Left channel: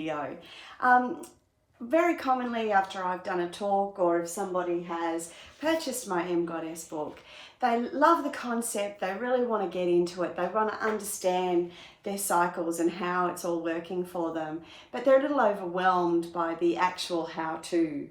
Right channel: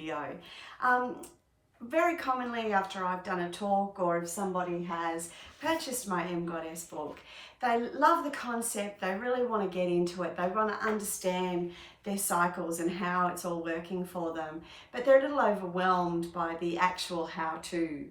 video. Very commonly after I've done a talk, or if somebody has purchased my Emgoddess book, they love the concept, they really want to get into it, they want to understand their cycles and how it's all working for them, but they're a little overwhelmed by the actual how-to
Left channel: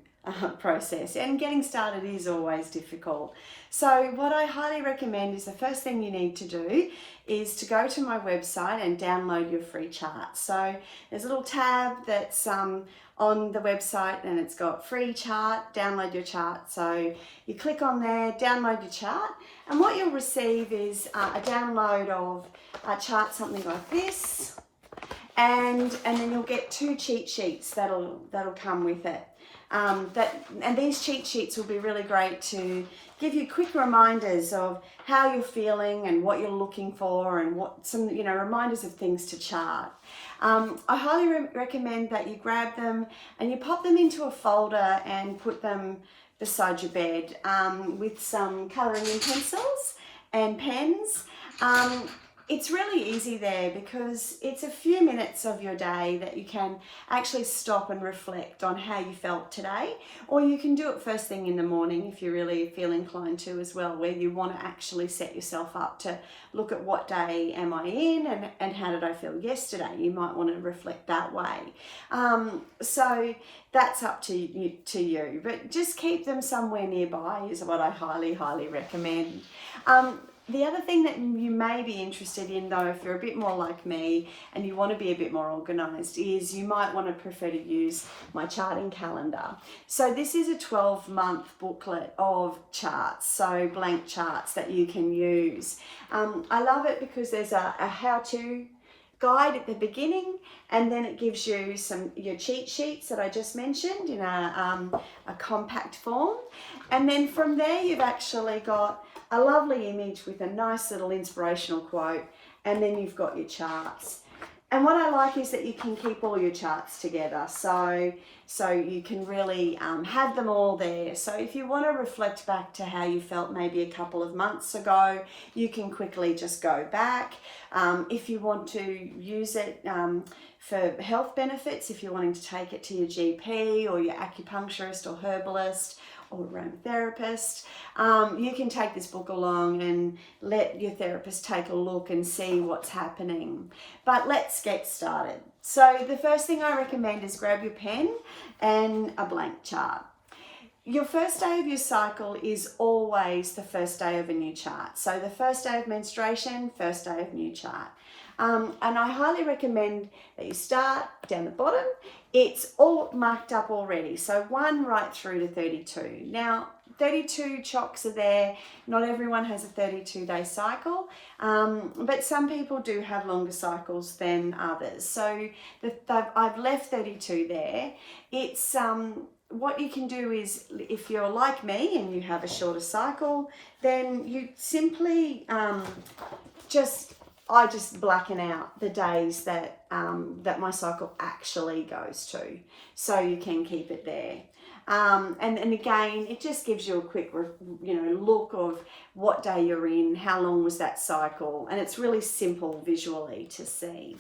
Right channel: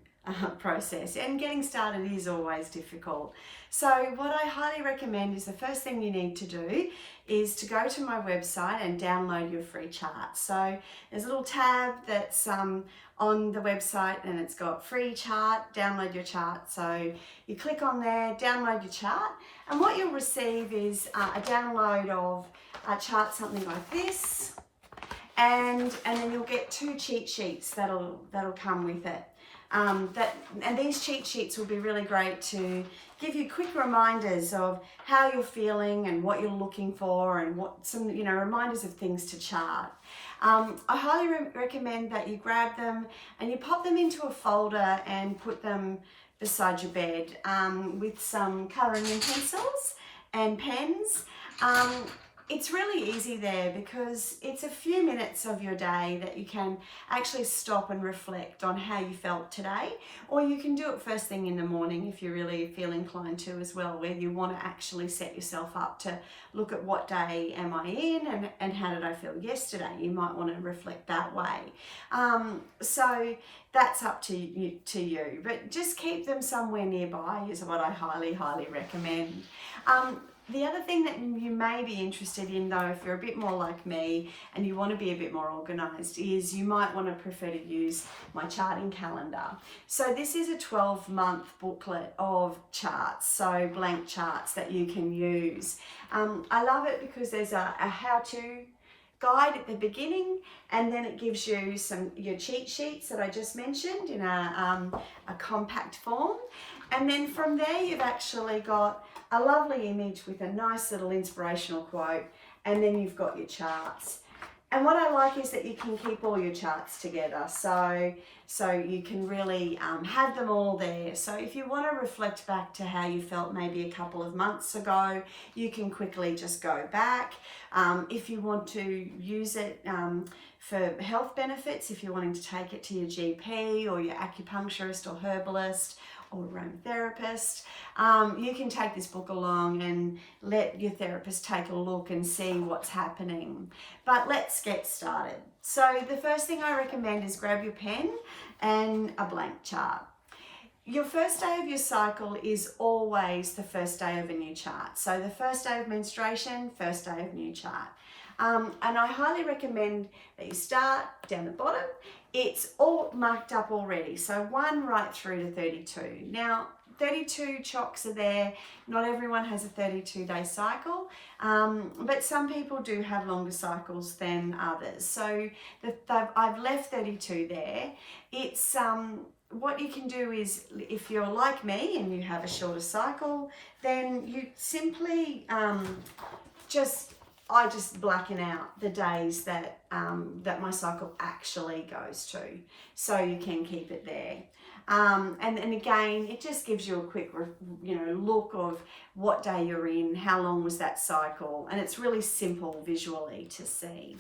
process, and getting started is always difficult. So what I highly recommend is the first thing you need to do is to go to my website and download your free chart. So there's a little tab that's on the website and it's got free chart, download your chart. So you click on there, download your chart, and what you'll receive is a download of a chart, something like this, and then you'll get 2 cheat sheets that'll come with it. And these cheat sheets will be really great to give you quick reminders of how you're feeling and what you're looking for, and what some reminders of things to chart. I highly recommend that you grab them and you pop them into a folder and put them beside your bed with some colouring in pencils and pens. It's really easy there because it's a few minutes of your day that you can actually stop and reflect on how you felt today, or you can do it first thing in the morning if you really feel inclined to as well, where you want to actually set yourself up to look at what day am I in and how did I feel yesterday. You might want to reflect that way. So that's up to you, but just keep them somewhere nearby is what I highly recommend. The other thing that you may be interested in, though, if you're a bit more like me and you want to be a bit more organised, is you might want to prefer to use my charting calendar. So this is a 12-month booklet of charts, so blank charts that you can use. I love it because there's a how-to guide at the beginning, and then it gives you your cheat sheets that I just mentioned in a compact form, and then from there you've actually got a lovely image with a nice little inspirational quote, and then you've got your charts. And what I like is that you can keep all your charts together, so you can really have them all there. So if you want to reflect back to how you felt maybe a couple of months ago, you can quickly just go back. If you want to use it for health benefits, if you're wanting to take it to your GP or your acupuncturist or herbalist or aromatherapist, you can take this book along and let your therapist take a look and see what's happening. But let's get started. So the first thing I recommend is grab your pen and a blank chart. Your first day of your cycle is always the first day of a new chart. So the first day of menstruation, first day of new chart. And I highly recommend that you start down the bottom. It's all marked up already, so 1 right through to 32. Now, 32 chocks are there. Not everyone has a 32-day cycle, but some people do have longer cycles than others. So I've left 32 there. It's what you can do is, if you're like me and you have a shorter cycle, then you simply I just blacken out the days that that my cycle actually goes to, so you can keep it there. And again, it just gives you a quick look of what day you're in, how long was that cycle, and it's really simple visually to see.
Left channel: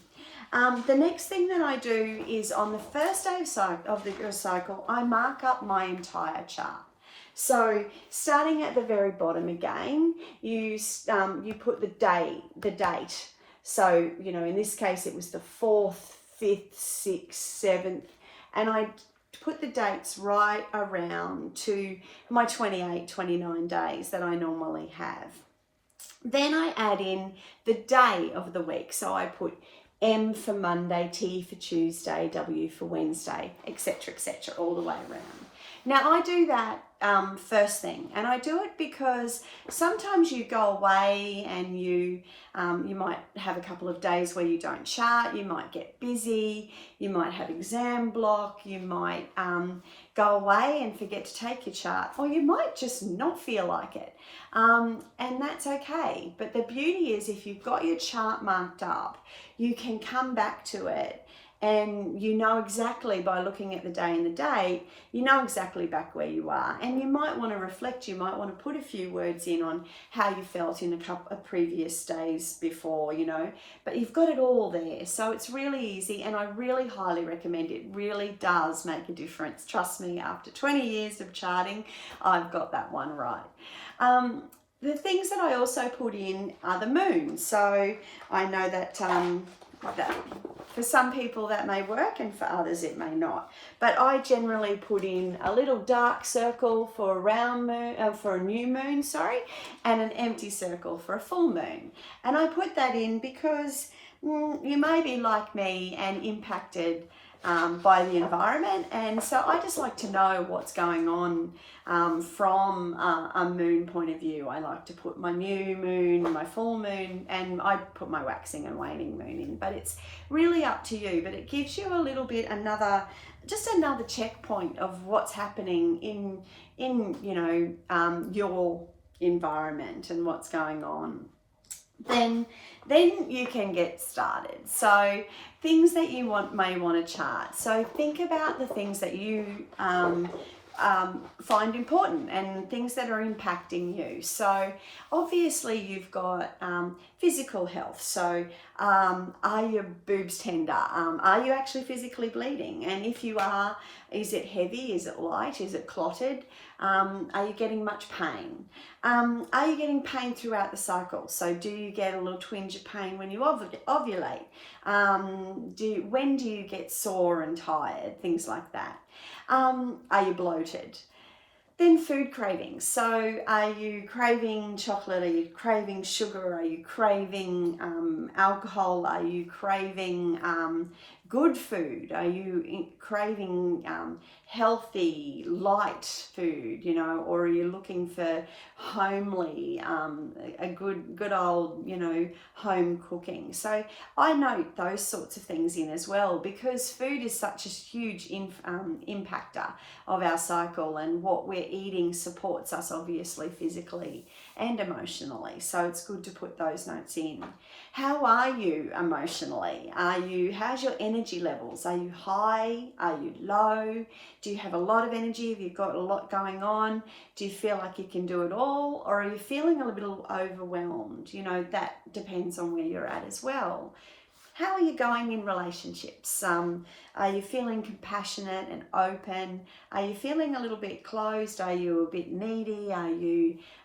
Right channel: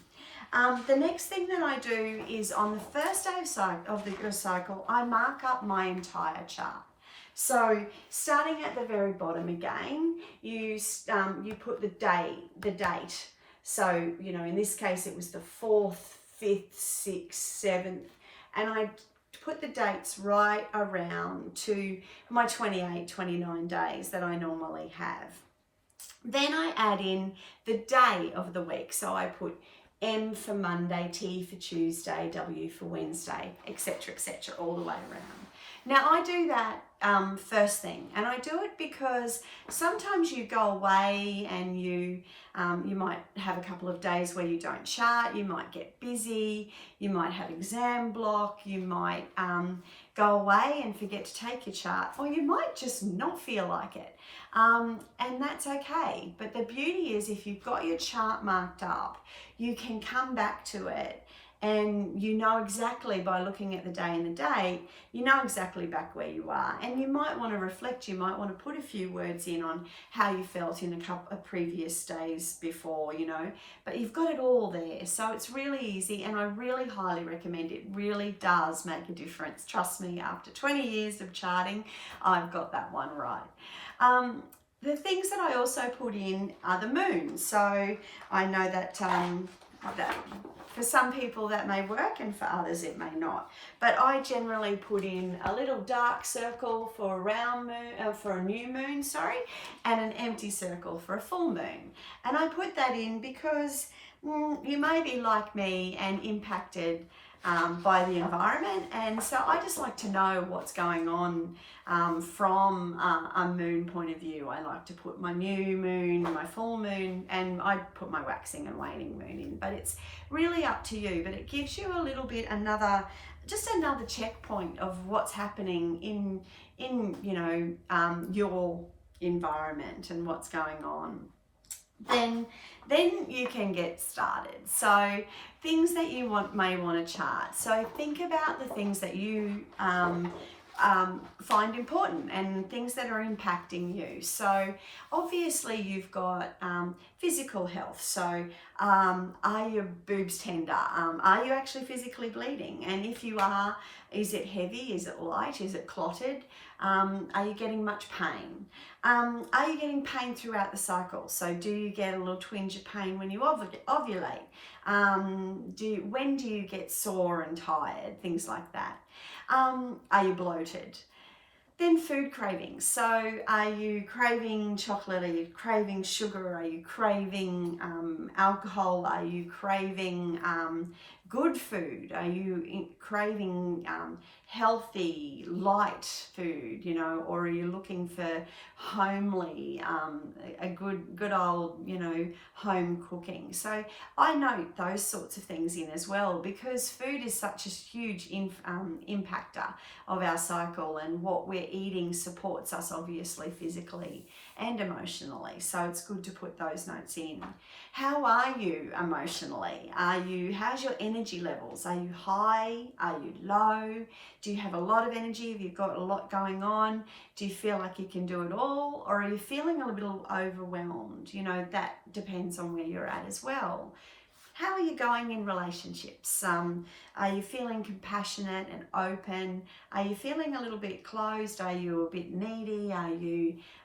The next thing that I do is on the first day of your cycle, I mark up my entire chart. So starting at the very bottom again, you put the date. So, in this case, it was the 4th, 5th, 6th, 7th, and I put the dates right around to my 28, 29 days that I normally have. Then I add in the day of the week. So I put M for Monday, T for Tuesday, W for Wednesday, etc., all the way around. Now I do that first thing, and I do it because sometimes you go away and you might have a couple of days where you don't chart, you might get busy, you might have exam block, you might go away and forget to take your chart, or you might just not feel like it, and that's okay. But the beauty is, if you've got your chart marked up, you can come back to it And you know exactly, by looking at the day and the date, you know exactly back where you are. And you might want to reflect, you might want to put a few words in on how you felt in a couple of previous days before, you know, but you've got it all there. So it's really easy, and I really highly recommend it. Really does make a difference. Trust me, after 20 years of charting, I've got that one right. The things that I also put in are the moon. So I know that for some people that may work, and for others it may not. But I generally put in a little dark circle for a round moon, for a new moon, sorry, and an empty circle for a full moon. And I put that in because you may be like me and impacted by the environment, and so I just like to know what's going on from a moon point of view. I like to put my new moon, my full moon, and I put my waxing and waning moon in, but it's really up to you. But it gives you a little bit just another checkpoint of what's happening in you know, your environment and what's going on. Then you can get started. So things that you may want to chart. So think about the things that you find important and things that are impacting you. So obviously you've got physical health. So are your boobs tender? Are you actually physically bleeding? And if you are, is it heavy? Is it light? Is it clotted? Are you getting much pain? Are you getting pain throughout the cycle? So do you get a little twinge of pain when you ovulate? When do you get sore and tired? Things like that. Are you bloated? Then food cravings. So are you craving chocolate? Are you craving sugar? Are you craving alcohol? Are you craving good food? Are you craving healthy, light food, you know, or are you looking for homely, a good old, you know, home cooking? So I note those sorts of things in as well, because food is such a huge impactor of our cycle, and what we're eating supports us obviously physically and emotionally. So it's good to put those notes in. How are you emotionally? How's your energy levels? Are you high? Are you low? Do you have a lot of energy? Have you got a lot going on? Do you feel like you can do it all? Or are you feeling a little overwhelmed? You know, that depends on where you're at as well. How are you going in relationships? Are you feeling compassionate and open? Are you feeling a little bit closed? Are you a bit needy?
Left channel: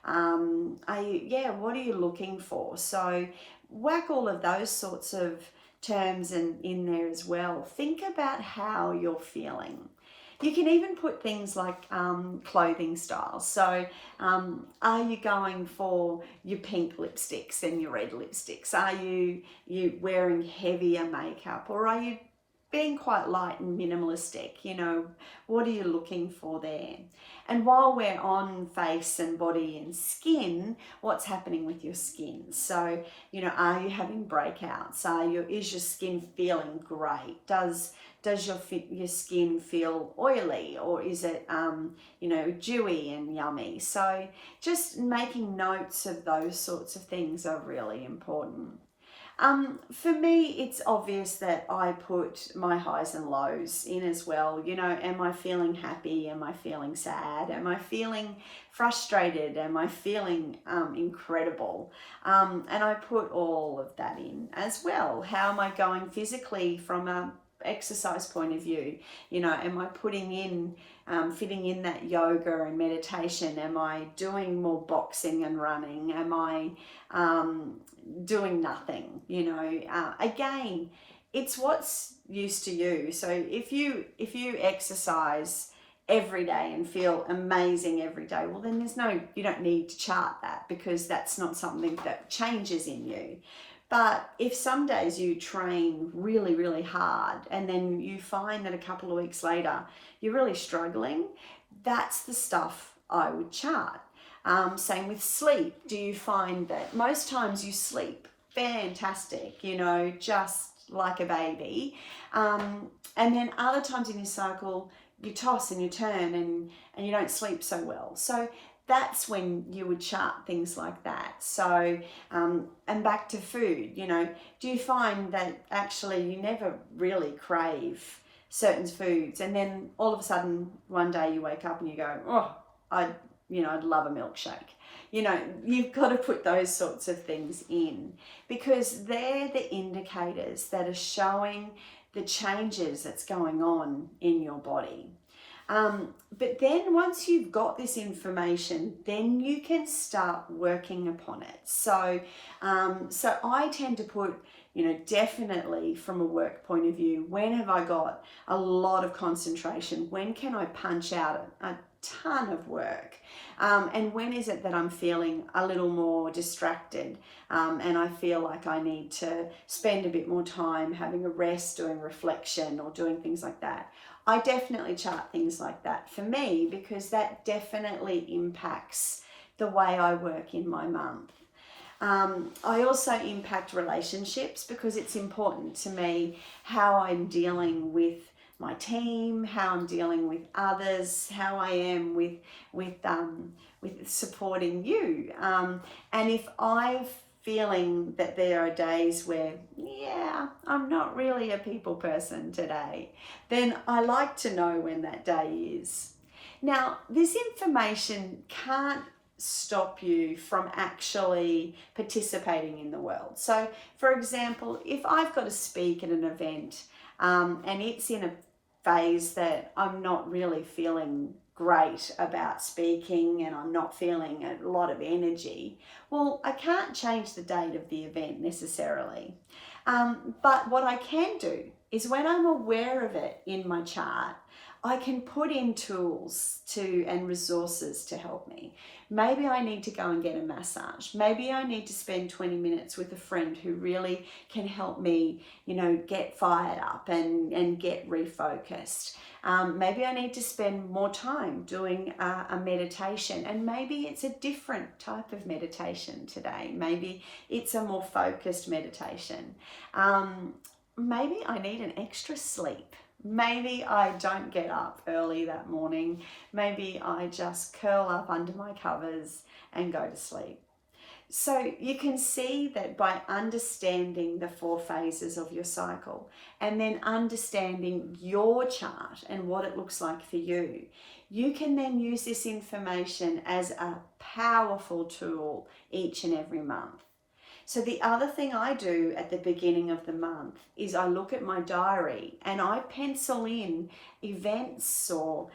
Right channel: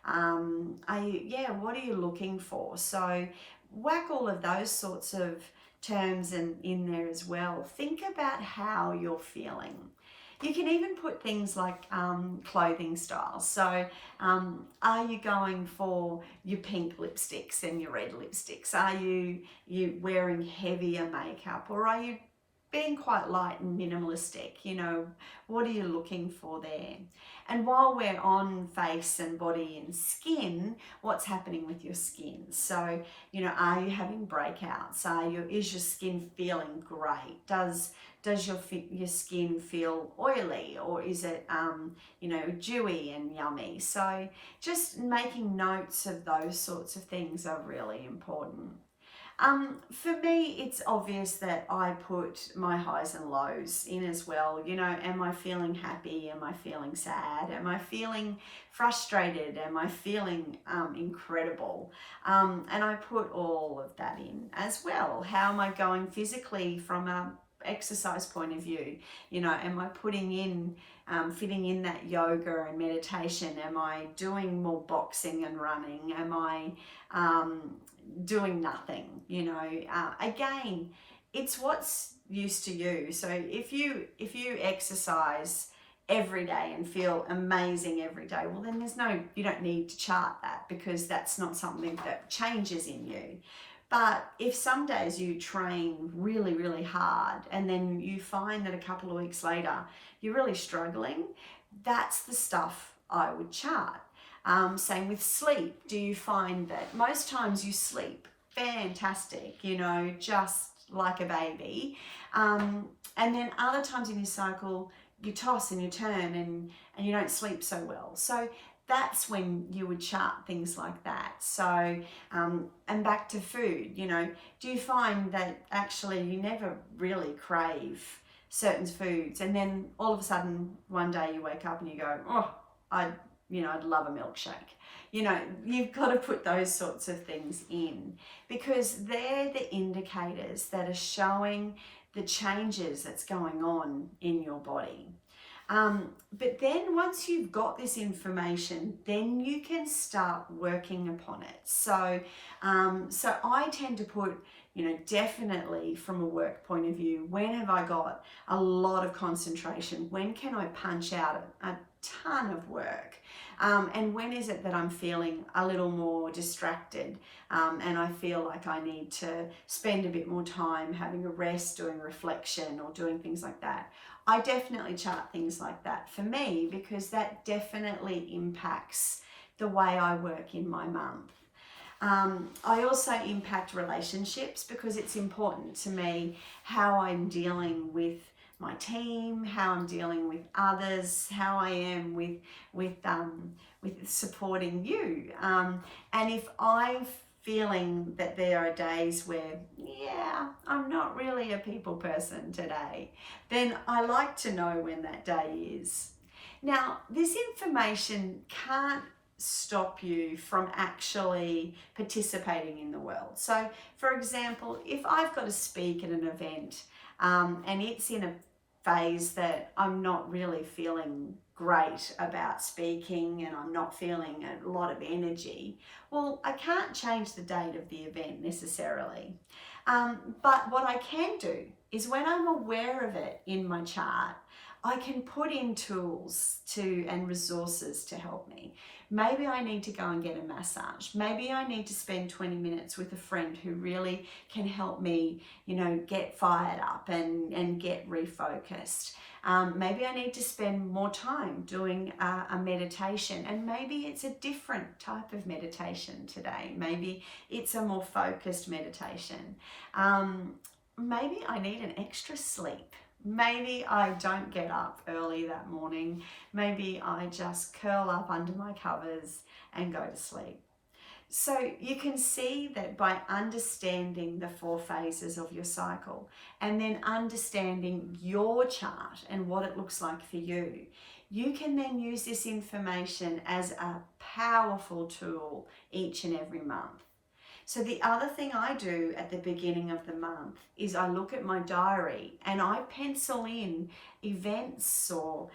What are you looking for? So whack all of those sorts of terms in there as well. Think about how you're feeling. You can even put things like clothing styles. So are you going for your pink lipsticks and your red lipsticks? Are you wearing heavier makeup, or are you being quite light and minimalistic? You know, what are you looking for there? And while we're on face and body and skin, what's happening with your skin? So, you know, are you having breakouts? Is your skin feeling great? Does your skin feel oily, or is it, you know, dewy and yummy? So just making notes of those sorts of things are really important. For me, it's obvious that I put my highs and lows in as well. You know, am I feeling happy? Am I feeling sad? Am I feeling frustrated? Am I feeling incredible? And I put all of that in as well. How am I going physically from a exercise point of view? You know, am I putting in fitting in that yoga and meditation? Am I doing more boxing and running? Am I doing nothing? You know, again, it's what's used to you. So if you exercise every day and feel amazing every day, well, then you don't need to chart that, because that's not something that changes in you. But if some days you train really, really hard and then you find that a couple of weeks later you're really struggling, that's the stuff I would chart. Same with sleep. Do you find that most times you sleep fantastic, you know, just like a baby, and then other times in your cycle you toss and you turn and you don't sleep so well? So that's when you would chart things like that. So, and back to food, you know, do you find that actually you never really crave certain foods, and then all of a sudden one day you wake up and you go, oh, I'd love a milkshake. You know, you've got to put those sorts of things in, because they're the indicators that are showing the changes that's going on in your body. But then once you've got this information, then you can start working upon it. So, so I tend to put, you know, definitely from a work point of view, when have I got a lot of concentration? When can I punch out a ton of work? And when is it that I'm feeling a little more distracted, and I feel like I need to spend a bit more time having a rest, doing reflection or doing things like that? I definitely chart things like that for me, because that definitely impacts the way I work in my month. I also impact relationships, because it's important to me how I'm dealing with my team, how I'm dealing with others, how I am with supporting you. And if I'm feeling that there are days where, yeah, I'm not really a people person today, then I like to know when that day is. Now, this information can't stop you from actually participating in the world. So, for example, if I've got to speak at an event, and it's in a phase that I'm not really feeling great about speaking and I'm not feeling a lot of energy, well, I can't change the date of the event necessarily. But what I can do is, when I'm aware of it in my chart, I can put in tools and resources to help me. Maybe I need to go and get a massage. Maybe I need to spend 20 minutes with a friend who really can help me, you know, get fired up and get refocused. Maybe I need to spend more time doing a meditation, and maybe it's a different type of meditation today. Maybe it's a more focused meditation. Maybe I need an extra sleep. Maybe I don't get up early that morning. Maybe I just curl up under my covers and go to sleep. So you can see that by understanding the 4 phases of your cycle, and then understanding your chart and what it looks like for you, you can then use this information as a powerful tool each and every month. So the other thing I do at the beginning of the month is I look at my diary and I pencil in events or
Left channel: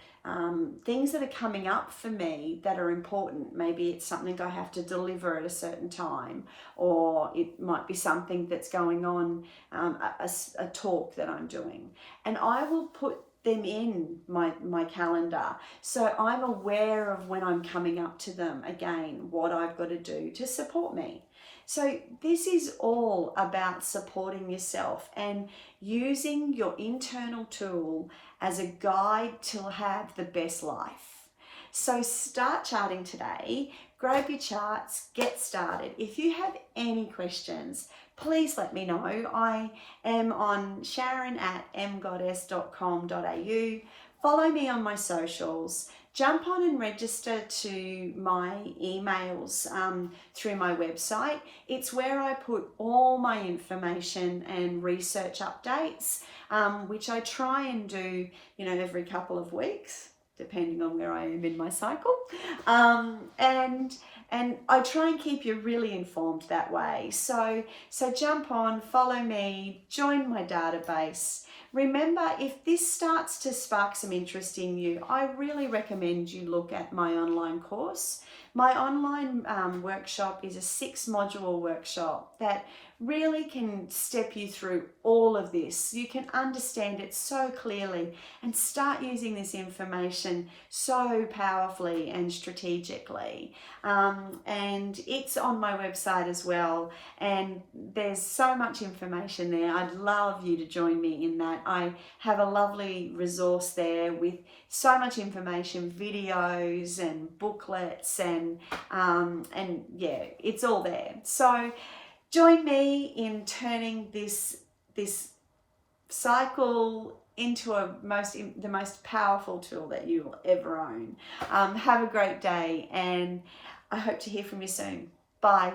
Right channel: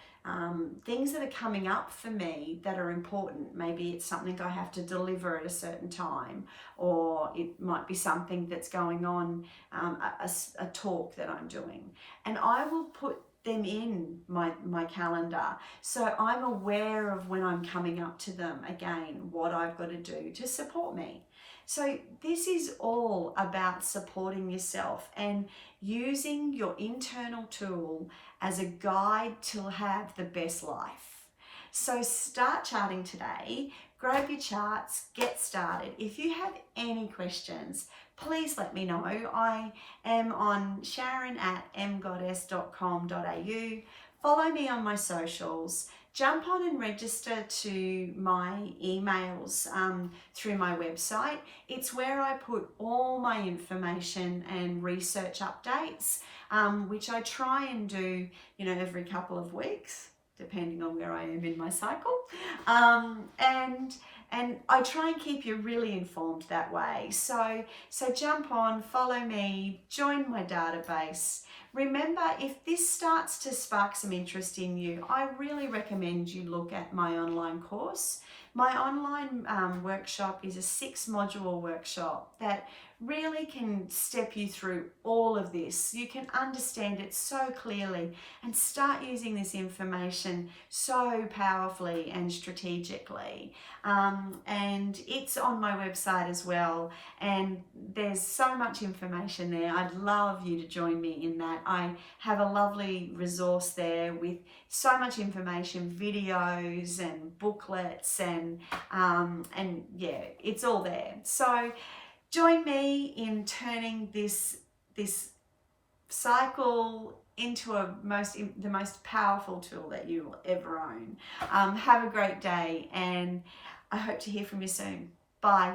things that are coming up for me that are important. Maybe it's something I have to deliver at a certain time, or it might be something that's going on, a talk that I'm doing. And I will put them in my calendar, so I'm aware of when I'm coming up to them again, what I've got to do to support me. So this is all about supporting yourself and using your internal tool as a guide to have the best life. So start charting today, grab your charts, get started. If you have any questions, please let me know. I am on sharon@emgoddess.com.au. Follow me on my socials. Jump on and register to my emails through my website. It's where I put all my information and research updates, which I try and do, you know, every couple of weeks, depending on where I am in my cycle. And I try and keep you really informed that way. So jump on, follow me, join my database. Remember, if this starts to spark some interest in you, I really recommend you look at my online course. My online workshop is a 6-module workshop that really can step you through all of this. You can understand it so clearly and start using this information so powerfully and strategically. And it's on my website as well, and there's so much information there. I'd love you to join me in that. I have a lovely resource there with so much information, videos and booklets, and yeah, it's all there. So join me in turning this cycle into the most powerful tool that you will ever own. Have a great day, and I hope to hear from you soon. Bye.